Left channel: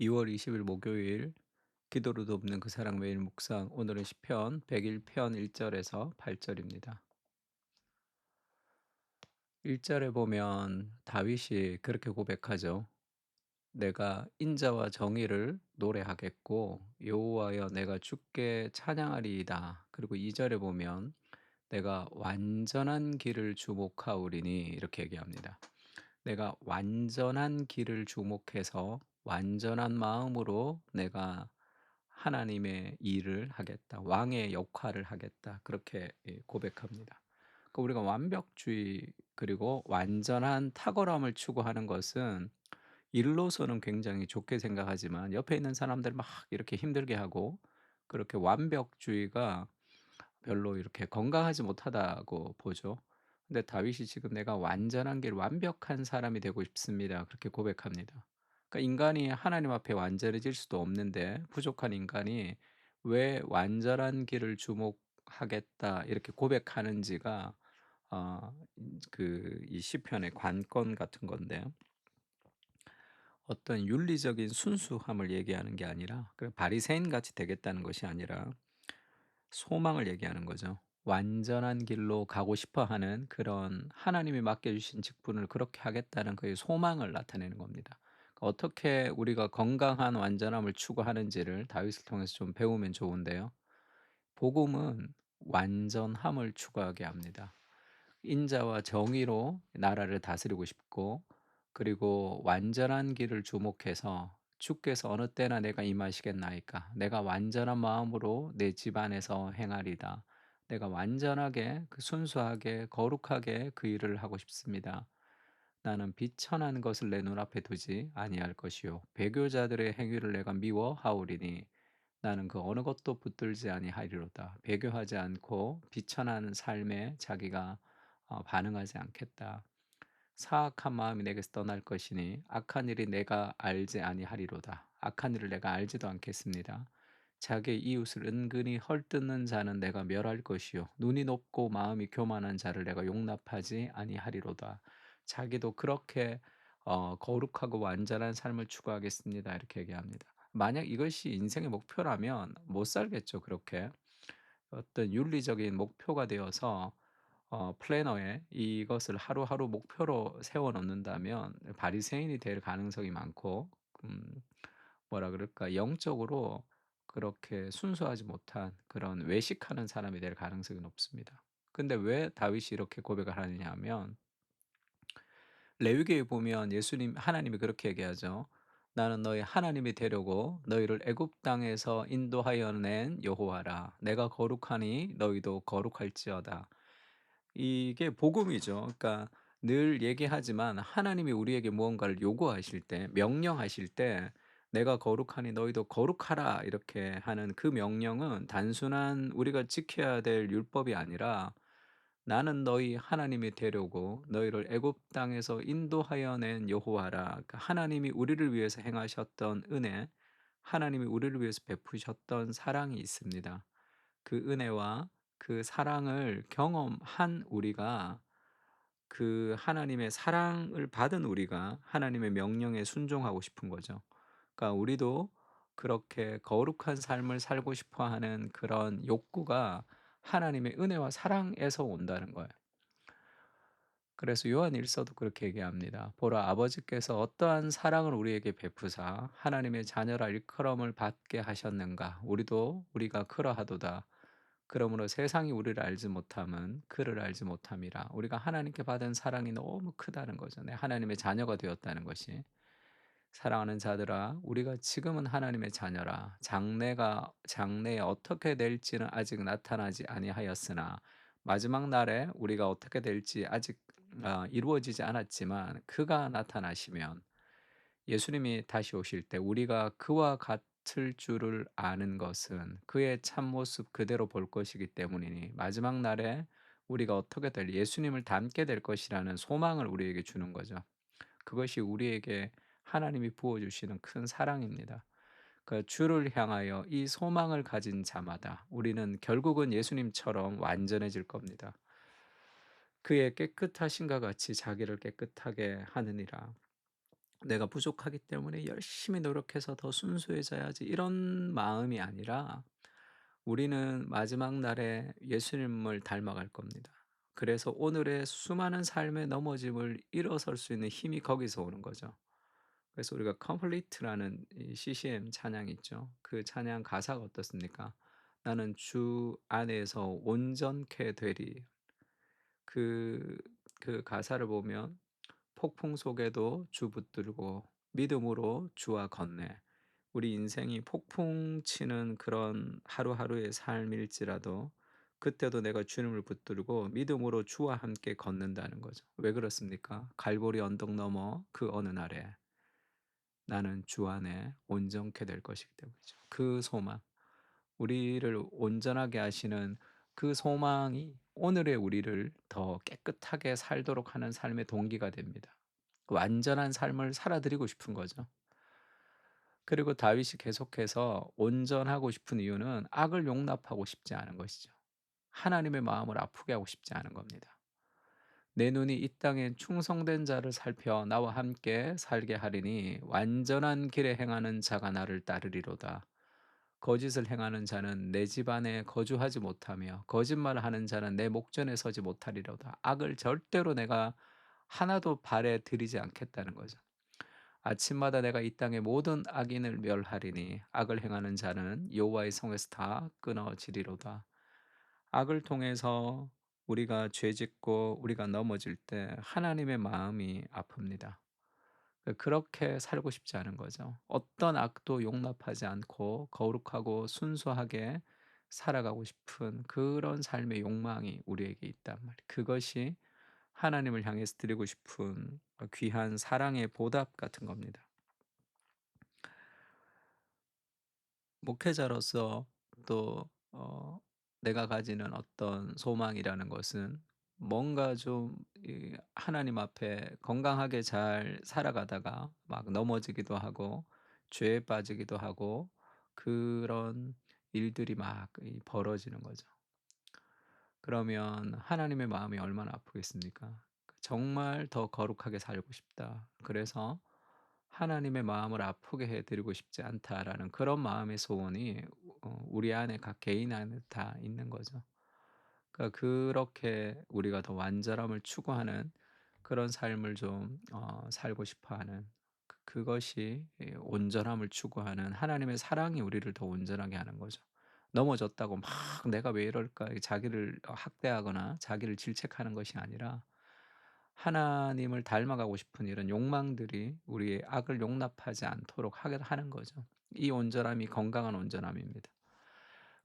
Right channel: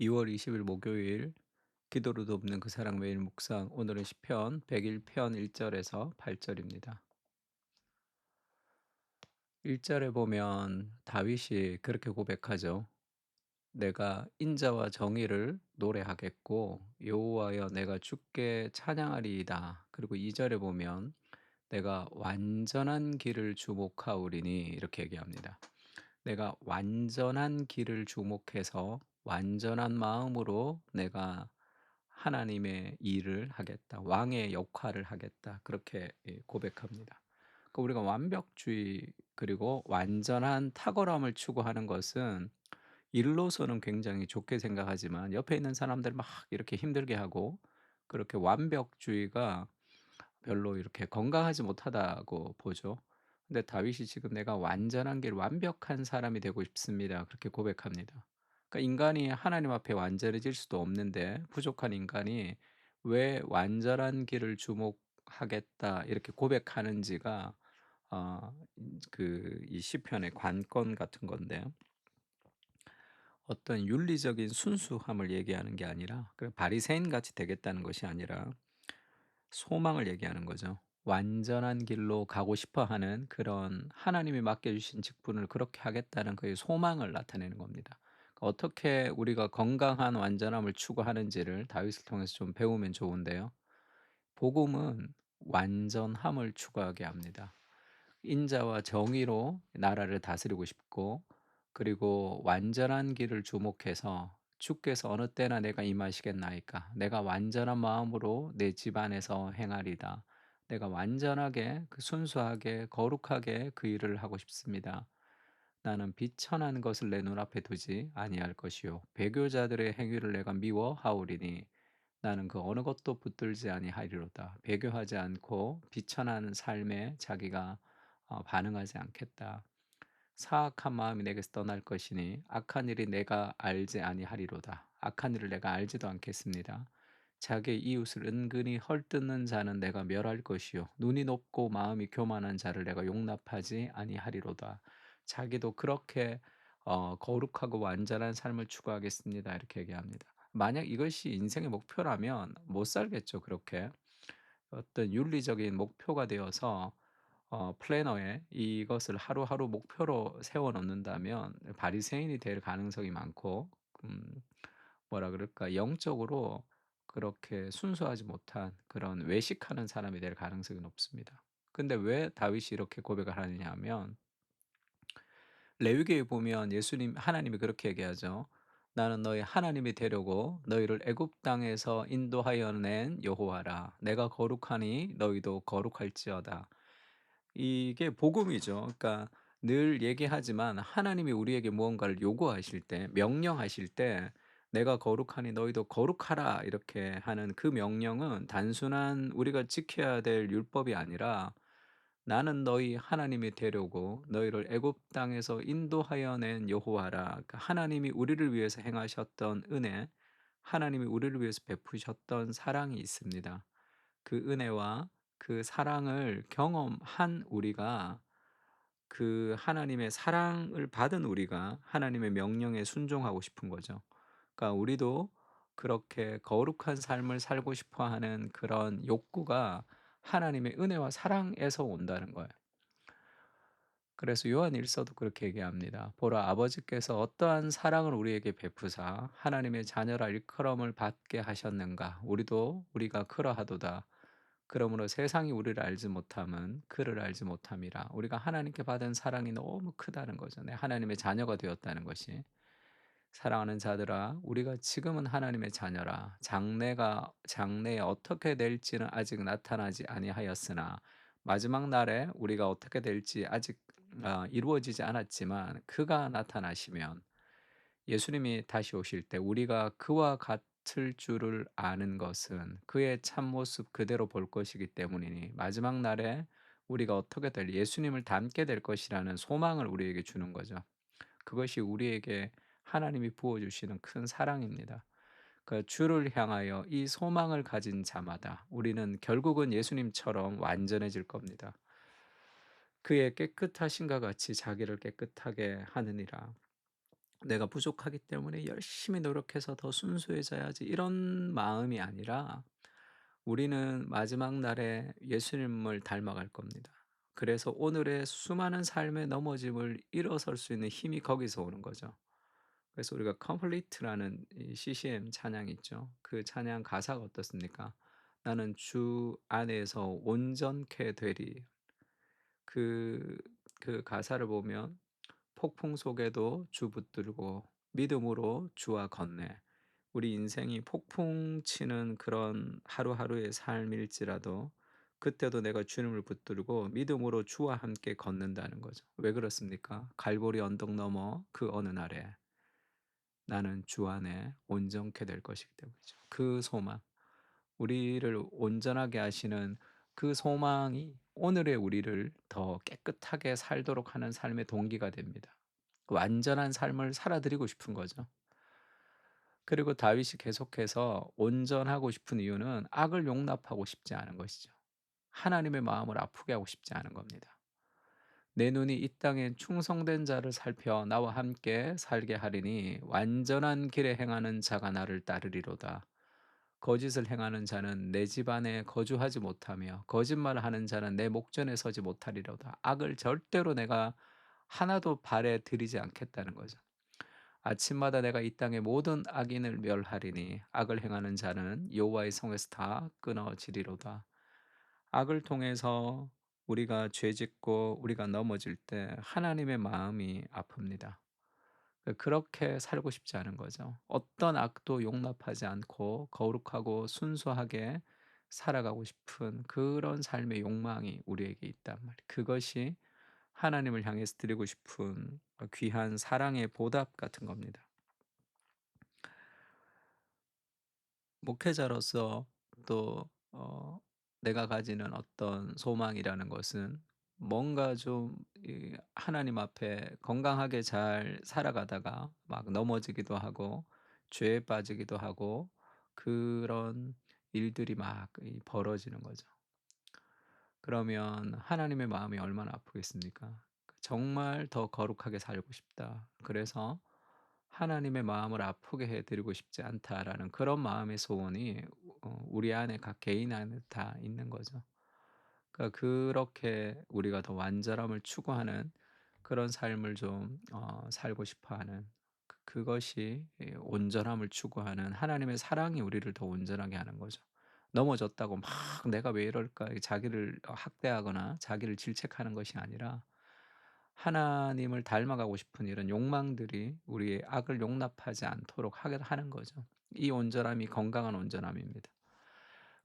2월 20일 목요일 기도로 돕는 그 사랑 매일 묵상 오늘은 시편 101편 1절에서 8절입니다. 1절에 보면 다윗이 그렇게 고백하죠. 내가 인자와 정의를 노래하겠고 여호와여 내가 주께 찬양하리이다. 그리고 2절에 보면 내가 완전한 길을 주목하오리니 이렇게 얘기합니다. 내가 완전한 길을 주목해서 완전한 마음으로 내가 하나님의 일을 하겠다. 왕의 역할을 하겠다. 그렇게 고백합니다. 우리가 완벽주의 그리고 완전한 탁월함을 추구하는 것은 일로서는 굉장히 좋게 생각하지만 옆에 있는 사람들 막 이렇게 힘들게 하고 그렇게 완벽주의가 별로 이렇게 건강하지 못하다고 보죠. 근데 다윗이 지금 "내가 완전한 길 완벽한 사람이 되고 싶습니다." 그렇게 고백합니다. 그러니까 인간이 하나님 앞에 완전해질 수도 없는데 부족한 인간이 왜 "완전한 길을 주목하겠다." 이렇게 고백하는지가 이 시편의 관건 같은 건데요. 어떤 윤리적인 순수함을 얘기하는 게 아니라 바리새인 같이 되겠다는 것이 아니라 소망을 얘기하는 거죠. 완전한 길로 가고 싶어 하는 그런 하나님이 맡겨 주신 직분을 그렇게 하겠다는 그의 소망을 나타내는 겁니다. 어떻게 우리가 건강한 완전함을 추구하는지를 다윗을 통해서 좀 배우면 좋은데요. 복음은 완전함을 추구하게 합니다. 인자와 정의로 나라를 다스리고 싶고 그리고 완전한 길을 주목해서 주께서 어느 때나 내가 임하시겠나이까 내가 완전한 마음으로 내 집안에서 행하리다. 내가 완전하게 순수하게 거룩하게 그 일을 하고 싶습니다. 나는 비천한 것을 내 눈앞에 두지 아니할 것이요 배교자들의 행위를 내가 미워하오리니 나는 그 어느 것도 붙들지 아니하리로다. 배교하지 않고 비천한 삶에 자기가 반응하지 않겠다. 사악한 마음이 내게서 떠날 것이니 악한 일이 내가 알지 아니하리로다. 악한 일을 내가 알지도 않겠습니다. 자기의 이웃을 은근히 헐뜯는 자는 내가 멸할 것이요 눈이 높고 마음이 교만한 자를 내가 용납하지 아니하리로다. 자기도 그렇게 거룩하고 완전한 삶을 추구하겠습니다. 이렇게 얘기합니다. 만약 이것이 인생의 목표라면 못 살겠죠, 그렇게. 어떤 윤리적인 목표가 되어서 플래너에 이것을 하루하루 목표로 세워 놓는다면 바리새인이 될 가능성이 많고 음 뭐라 그럴까 영적으로 그렇게 순수하지 못한 그런 외식하는 사람이 될 가능성이 높습니다. 근데 왜 다윗이 이렇게 고백을 하느냐 하면 레위기에 보면 예수님 하나님이 그렇게 얘기하죠. "나는 너희 하나님이 되려고 너희를 애굽 땅에서 인도하여 낸 여호와라. 내가 거룩하니 너희도 거룩할지어다." 이게 복음이죠. 그러니까 늘 얘기하지만 하나님이 우리에게 무언가를 요구하실 때 명령하실 때 "내가 거룩하니 너희도 거룩하라." 이렇게 하는 그 명령은 단순한 우리가 지켜야 될 율법이 아니라 "나는 너희 하나님이 되려고 너희를 애굽 땅에서 인도하여 낸 여호와라." 그러니까 하나님이 우리를 위해서 행하셨던 은혜, 하나님이 우리를 위해서 베푸셨던 사랑이 있습니다. 그 은혜와 그 사랑을 경험한 우리가 그 하나님의 사랑을 받은 우리가 하나님의 명령에 순종하고 싶은 거죠. 그러니까 우리도 그렇게 거룩한 삶을 살고 싶어 하는 그런 욕구가 하나님의 은혜와 사랑에서 온다는 거예요. 그래서 요한일서도 그렇게 얘기합니다. 보라 아버지께서 어떠한 사랑을 우리에게 베푸사 하나님의 자녀라 일컬음을 받게 하셨는가 우리도 우리가 그러하도다. 그러므로 세상이 우리를 알지 못함은 그를 알지 못함이라. 우리가 하나님께 받은 사랑이 너무 크다는 거죠. 네, 하나님의 자녀가 되었다는 것이. 사랑하는 자들아, 우리가 지금은 하나님의 자녀라. 장래에 어떻게 될지는 아직 나타나지 아니하였으나 마지막 날에 우리가 어떻게 될지 아직 이루어지지 않았지만 그가 나타나시면 예수님이 다시 오실 때 우리가 그와 같을 줄을 아는 것은 그의 참모습 그대로 볼 것이기 때문이니 마지막 날에 우리가 어떻게 될 예수님을 닮게 될 것이라는 소망을 우리에게 주는 거죠. 그것이 우리에게 하나님이 부어 주시는 큰 사랑입니다. 그 주를 향하여 이 소망을 가진 자마다 우리는 결국은 예수님처럼 완전해질 겁니다. 그의 깨끗하심과 같이 자기를 깨끗하게 하느니라. 내가 부족하기 때문에 열심히 노력해서 더 순수해져야지 이런 마음이 아니라 우리는 마지막 날에 예수님을 닮아갈 겁니다. 그래서 오늘의 수많은 삶의 넘어짐을 일어설 수 있는 힘이 거기서 오는 거죠. 그래서 우리가 컴플리트라는 이 CCM 찬양이 있죠. 그 찬양 가사가 어떻습니까? "나는 주 안에서 온전케 되리." 그 그 가사를 보면 "폭풍 속에도 주 붙들고 믿음으로 주와 걷네." 우리 인생이 폭풍 치는 그런 하루하루의 삶일지라도 그때도 내가 주님을 붙들고 믿음으로 주와 함께 걷는다는 거죠. 왜 그렇습니까? 갈보리 언덕 너머 그 어느 날에 나는 주 안에 온전케 될 것이기 때문이죠. 그 소망, 우리를 온전하게 하시는 그 소망이 오늘의 우리를 더 깨끗하게 살도록 하는 삶의 동기가 됩니다. 그 완전한 삶을 살아드리고 싶은 거죠. 그리고 다윗이 계속해서 온전하고 싶은 이유는 악을 용납하고 싶지 않은 것이죠. 하나님의 마음을 아프게 하고 싶지 않은 겁니다. 내 눈이 이 땅에 충성된 자를 살펴 나와 함께 살게 하리니 완전한 길에 행하는 자가 나를 따르리로다. 거짓을 행하는 자는 내 집 안에 거주하지 못하며 거짓말하는 자는 내 목전에 서지 못하리로다. 악을 절대로 내가 하나도 발에 들이지 않겠다는 거죠. 아침마다 내가 이 땅의 모든 악인을 멸하리니 악을 행하는 자는 여호와의 성에서 다 끊어지리로다. 악을 통해서 우리가 죄짓고 우리가 넘어질 때 하나님의 마음이 아픕니다. 그렇게 살고 싶지 않은 거죠. 어떤 악도 용납하지 않고 거룩하고 순수하게 살아가고 싶은 그런 삶의 욕망이 우리에게 있단 말이에요. 그것이 하나님을 향해서 드리고 싶은 귀한 사랑의 보답 같은 겁니다. 목회자로서 또 내가 가지는 어떤 소망이라는 것은 뭔가 좀 하나님 앞에 건강하게 잘 살아가다가 막 넘어지기도 하고 죄에 빠지기도 하고 그런 일들이 막 벌어지는 거죠. 그러면 하나님의 마음이 얼마나 아프겠습니까? 정말 더 거룩하게 살고 싶다. 그래서 하나님의 마음을 아프게 해 드리고 싶지 않다라는 그런 마음의 소원이 우리 안에 각 개인 안에 다 있는 거죠. 그러니까 그렇게 우리가 더 완전함을 추구하는 그런 삶을 좀 살고 싶어 하는 그것이 온전함을 추구하는 하나님의 사랑이 우리를 더 온전하게 하는 거죠. 넘어졌다고 막 '내가 왜 이럴까.' 자기를 학대하거나 자기를 질책하는 것이 아니라 하나님을 닮아가고 싶은 이런 욕망들이 우리의 악을 용납하지 않도록 하게 하는 거죠. 이 온전함이 건강한 온전함입니다.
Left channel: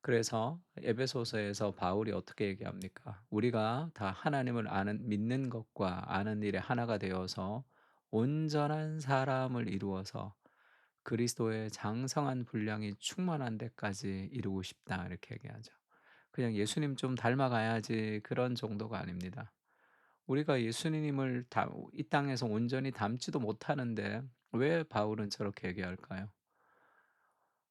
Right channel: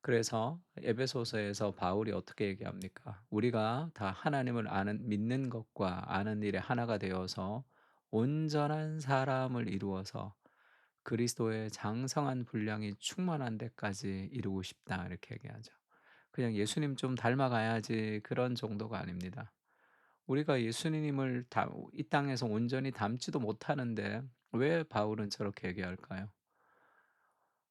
그래서 에베소서에서 바울이 어떻게 얘기합니까? 우리가 다 하나님을 아는 믿는 것과 아는 일에 하나가 되어서 온전한 사람을 이루어서 그리스도의 장성한 분량이 충만한 데까지 이루고 싶다 이렇게 얘기하죠. 그냥 예수님 좀 닮아가야지 그런 정도가 아닙니다. 우리가 예수님을 이 땅에서 온전히 닮지도 못하는데 왜 바울은 저렇게 얘기할까요?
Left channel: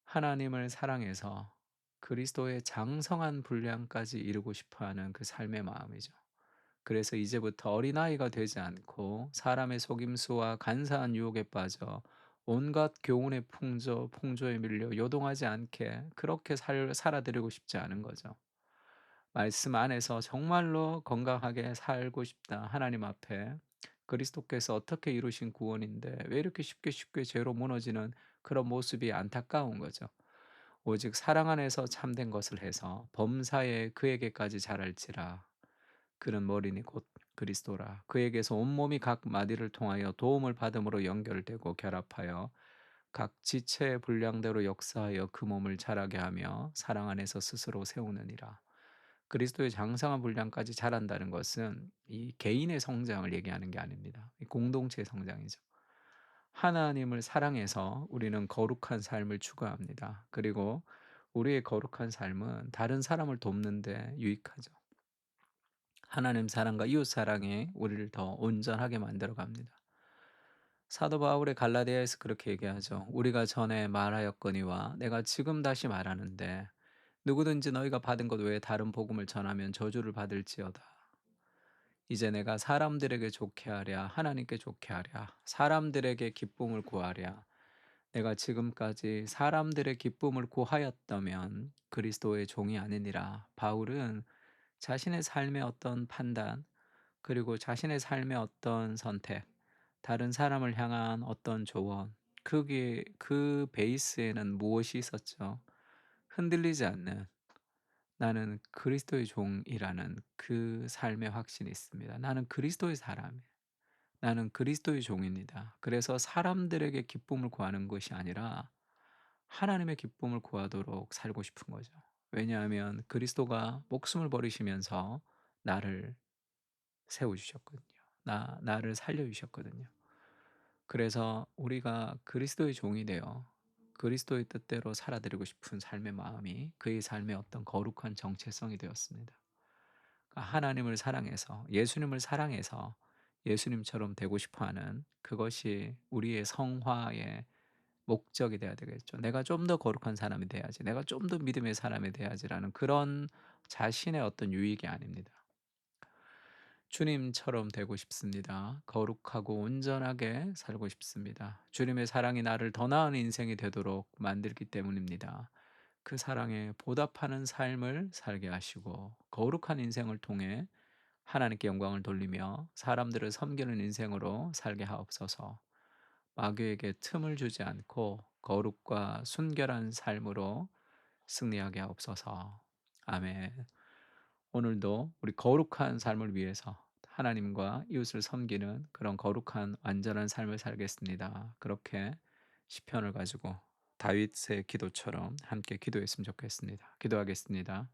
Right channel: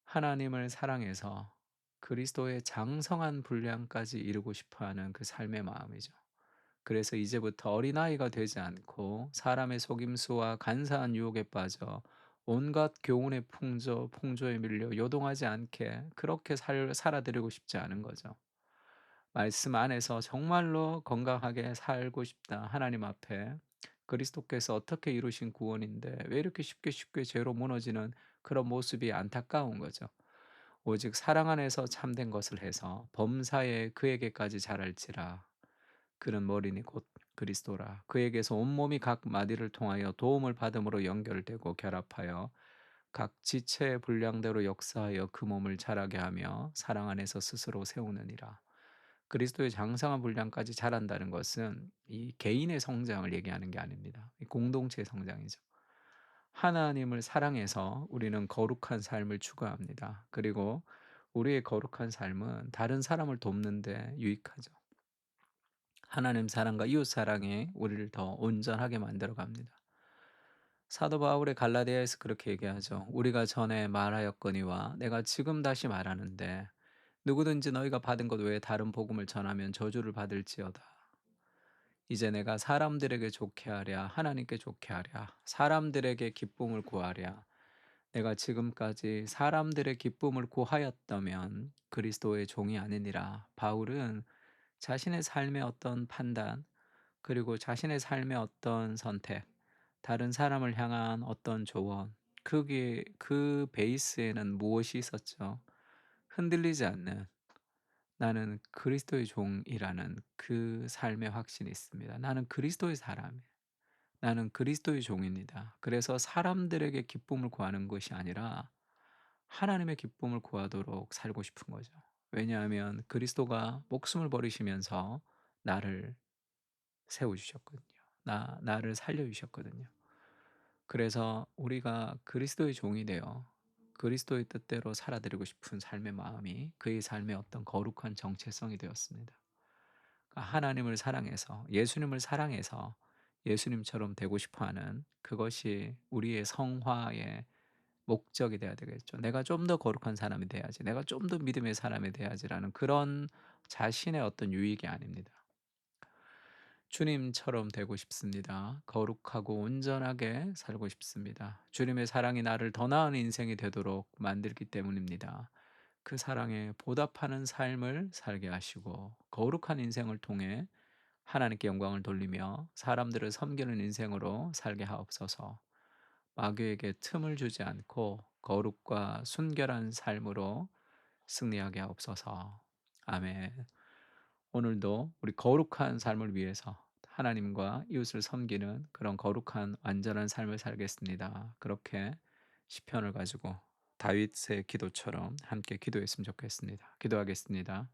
하나님을 사랑해서 그리스도의 장성한 분량까지 이루고 싶어 하는 그 삶의 마음이죠. 그래서 이제부터 어린아이가 되지 않고 사람의 속임수와 간사한 유혹에 빠져 온갖 교훈의 풍조에 밀려 요동하지 않게 그렇게 살아드리고 싶지 않은 거죠. 말씀 안에서 정말로 건강하게 살고 싶다. 하나님 앞에 그리스도께서 어떻게 이루신 구원인데 왜 이렇게 쉽게 쉽게 죄로 무너지는 그런 모습이 안타까운 거죠. 오직 사랑 안에서 참된 것을 해서 범사에 그에게까지 자랄지라. 그는 머리니 곧 그리스도라. 그에게서 온몸이 각 마디를 통하여 도움을 받음으로 연결되고 결합하여 각 지체의 분량대로 역사하여 그 몸을 자라게 하며 사랑 안에서 스스로 세우느니라. 그리스도의 장성한 분량까지 자란다는 것은 이 개인의 성장을 얘기하는 게 아닙니다. 이 공동체의 성장이죠. 하나님을 사랑해서 우리는 거룩한 삶을 추구합니다. 그리고 우리의 거룩한 삶은 다른 사람을 돕는 데 유익하죠. 하나님 사랑과 이웃 사랑이 우리를 더 온전하게 만들어 갑니다. 사도 바울의 갈라디아에서 그렇게 얘기하죠. 우리가 전에 말하였거니와 내가 지금 다시 말하는데 누구든지 너희가 받은 것 외에 다른 복음을 전하면 저주를 받을지어다. 이제 내가 사람들에게 좋게 하랴, 하나님께 좋게 하랴, 사람들에게 기쁨을 구하랴. 내가 지금까지 사람들의 기쁨을 구하였다면 그리스도의 종이 아니니라. 바울은 자신의 삶의 어떤 판단, 그리고 자신의 삶의 어떤 선택, 다른 사람을 향한 어떤 조언, 그게 그 베이스에는 무엇이 있었죠? 흔들리지 않는, 나는 그리스도의 종이라는 그 삶의 확신이 있습니다. 나는 그리스도의 사람이에요. 나는 그리스도의 종입니다. 그래서 사람들에게 기쁨을 구하는 것이 아니라 하나님의 기쁨을 구하도록 살고 싶은 거죠. 왜냐하면 그리스도가 목숨을 버리시면서 나를 세워 주셨거든요. 나를 살려 주셨거든요. 그래서 우리가 그리스도의 종이 되어 그리스도의 뜻대로 살아드리고 싶은 삶의 마음이 그의 삶의 어떤 거룩한 정체성이 되었습니다. 그러니까 하나님을 사랑해서, 예수님을 사랑해서 예수님처럼 되고 싶어 하는, 그것이 우리의 성화의 목적이 돼야 되겠죠. '내가 좀 더 거룩한 사람이 돼야지. 내가 좀 더 믿음의 사람이 돼야지.'라는 그런 자신의 어떤 유익이 아닙니다. 주님처럼 되고 싶습니다. 거룩하고 온전하게 살고 싶습니다. 주님의 사랑이 나를 더 나은 인생이 되도록 만들기 때문입니다. 그 사랑에 보답하는 삶을 살게 하시고 거룩한 인생을 통해 하나님께 영광을 돌리며 사람들을 섬기는 인생으로 살게 하옵소서. 마귀에게 틈을 주지 않고 거룩과 순결한 삶으로 승리하게 하옵소서. 아멘. 오늘도 우리 거룩한 삶을 위해서 하나님과 이웃을 섬기는 그런 거룩한 완전한 삶을 살겠습니다. 그렇게 시편을 가지고 다윗의 기도처럼 함께 기도했으면 좋겠습니다. 기도하겠습니다.